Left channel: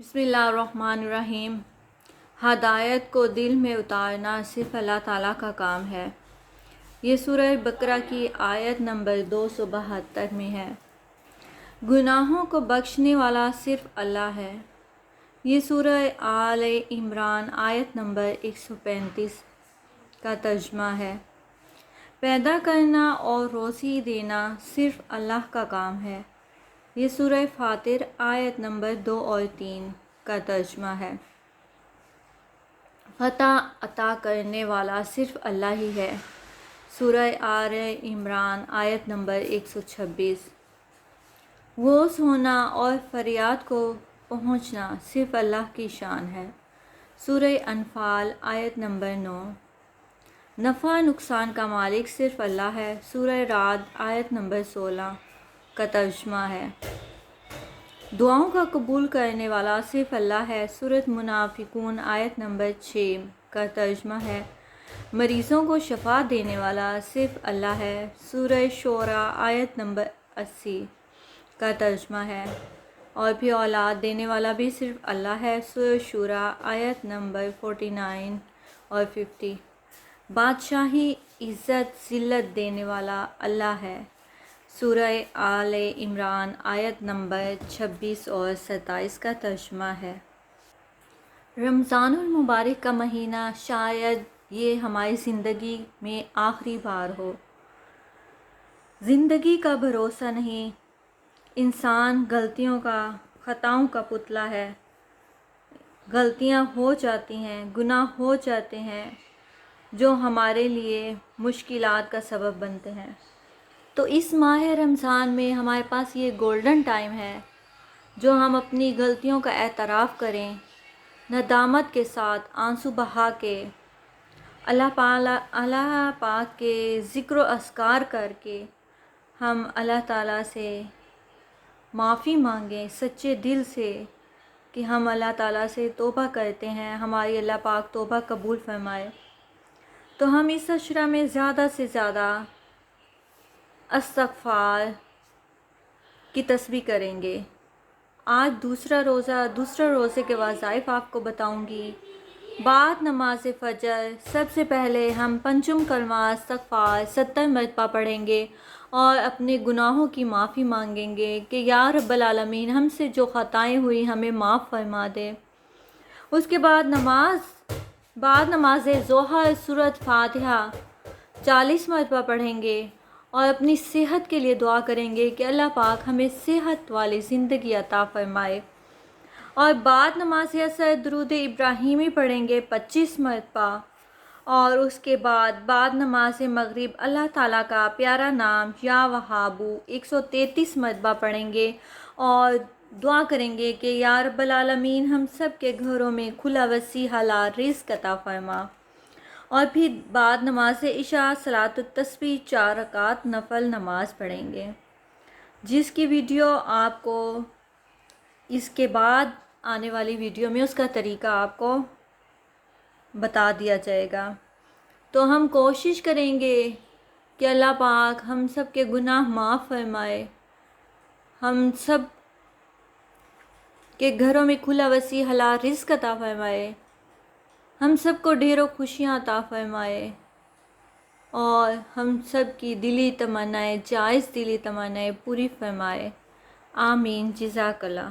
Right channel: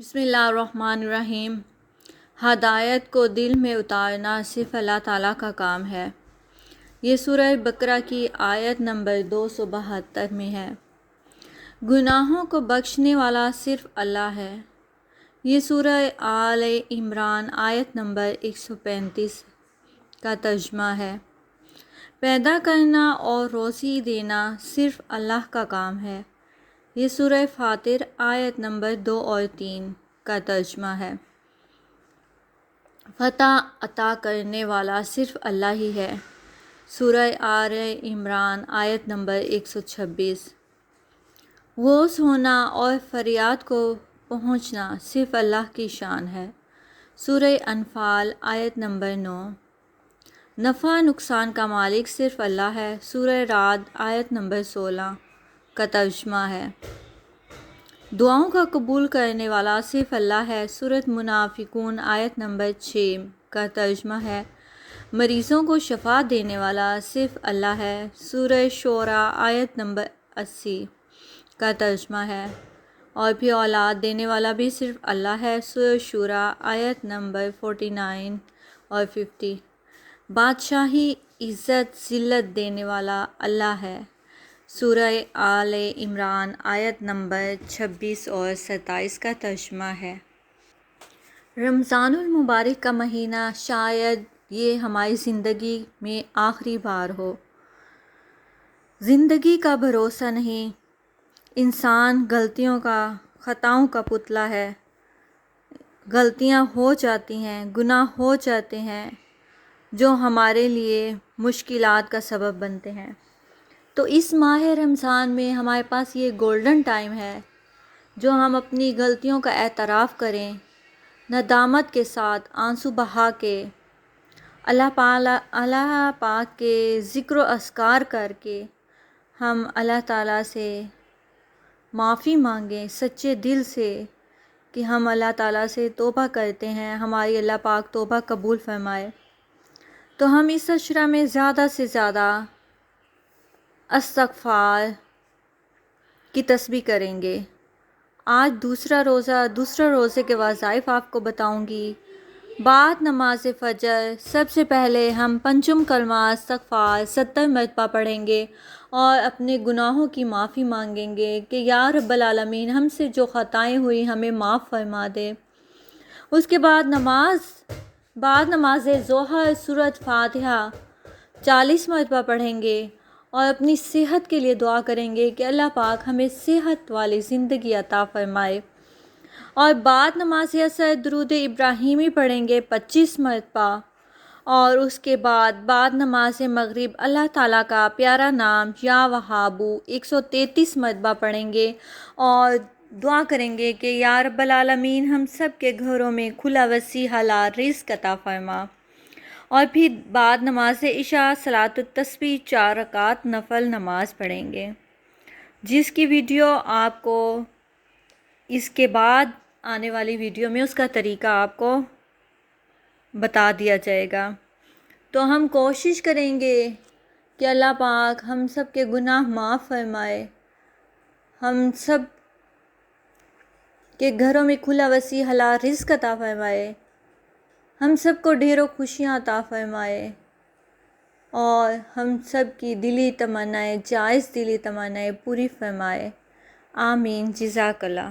بسم اللہ الرحمن الرحیم۔ ہدایت کو دل میں اتارنا صرف اللہ تعالیٰ کا کام ہے۔ یہ سورہ بقرہ کی آیت نمبر 272 میں ہے۔ گناہوں کو بخشنے والا صرف اللہ ہے۔ یہ سورہ آل عمران آیت نمبر 135 کا ترجمہ ہے۔ پیدا کرنا اور روزی دینا صرف اللہ کا کام ہے۔ یہ سورہ فاطر آیت نمبر 2 اور 3 کا ترجمہ ہے۔ فتح عطا کرنے والا صرف اللہ ہی ہے۔ سورہ آل عمران آیت نمبر 126۔ غوث ہونا اور فریاد کو پہنچنا صرف اللہ کی شان ہے۔ سورہ انفال آیت نمبر 9۔ نفع نقصان کا مالک صرف اللہ ہے۔ سورہ رعد آیت نمبر 16 کا ترجمہ ہے۔ دعاؤں کا قبول کرنے والا صرف اللہ ہے۔ سورۃ منافقون آیت نمبر 6 کا ترجمہ ہے۔ مریضوں کو شفا دینے والا صرف اللہ ہے۔ سورہ شعراء آیت نمبر 80 کا ترجمہ ہے۔ اور بھی اولاد دینے والا بھی صرف اللہ ہے۔ سورہ شعراء آیت نمبر 49 اور 50۔ بادشاہی عزت ذلت دینے والا اللہ ہے۔ سورہ آل عمران آیت نمبر 26 اور 27 کا ترجمہ ہے۔ رمضان المبارک کا مہینہ شاید یہ ہماری زندگی میں آخری بار ہو۔ زندگی کا بھروسہ نہیں۔ انسان غلطیوں کا خطاؤں کا پتلا ہے۔ غلطیاں ہو جاتی ہیں، گناہ ہو جاتے ہیں جو ہمارے لیے مشکلات کا سبب بنتے ہیں۔ تو اس ماہ رمضان میں ہمارے پاس یہ گولڈن ٹائم ہے جو ہم اپنی غلطیوں کا اعتراف کریں، ندامت کے ساتھ آنسو بہا کے اللہ پاک کے ذکر و اذکار کر کے ہم اللہ تعالیٰ سے معافی مانگیں سچے دل سے کہ ہم اللہ تعالیٰ سے توبہ کرتے ہیں، ہماری اللہ پاک توبہ قبول فرمائے۔ تو ہم اس عشرہ میں زیادہ سے زیادہ استغفار کی تسبیح کریں گے۔ آج دوسرے روزے کے وظائف آپ کو بتاؤں گی۔ بعد نماز فجر سب سے پہلے ہم پنجم کلمہ استغفار 70 مرتبہ پڑھیں گے اور اپنے گناہوں کی معافی مانگیں گے کہ یا رب العالمین ہم سے جو خطائیں ہوئی ہمیں معاف فرما دے۔ اس کے بعد نماز ظہر سورۃ فاتحہ 40 مرتبہ پڑھیں گے اور اپنی صحت کے لیے دعا کریں گے کہ اللہ پاک ہمیں صحت والی زندگی عطا فرمائے۔ اور بعد نماز عصر درود ابراہیمی پڑھیں گے 25 مرتبہ، اور اس کے بعد نماز مغرب اللہ تعالیٰ کا پیارا نام یا وہابو 133 مرتبہ پڑھیں گے اور دعا کریں گے کہ یا رب العالمین ہم سب کے گھروں میں کھلا وسیع حلال رزق عطا فرما۔ اور پھر بعد نماز عشاء صلاۃ التسبیح 4 رکعت نفل نماز پڑھیں گے، جس کی ویڈیو آپ کو اس کے بعد آنے والی ویڈیو میں اس کا طریقہ آپ کو بتا دیا جائے گا۔ تو ہم کوشش کریں گے کہ اللہ پاک ہم سب کے گناہ معاف فرمائے، ہم سب کے گھروں میں کھلا وسیع حلال رزق عطا فرمائے، ہم سب کو ڈھیروں خوشیاں عطا فرمائے اور ہم سب کی دلی تمنائیں جائز دلی تمنائیں پوری فرمائے۔ آمین۔ جزاک اللہ۔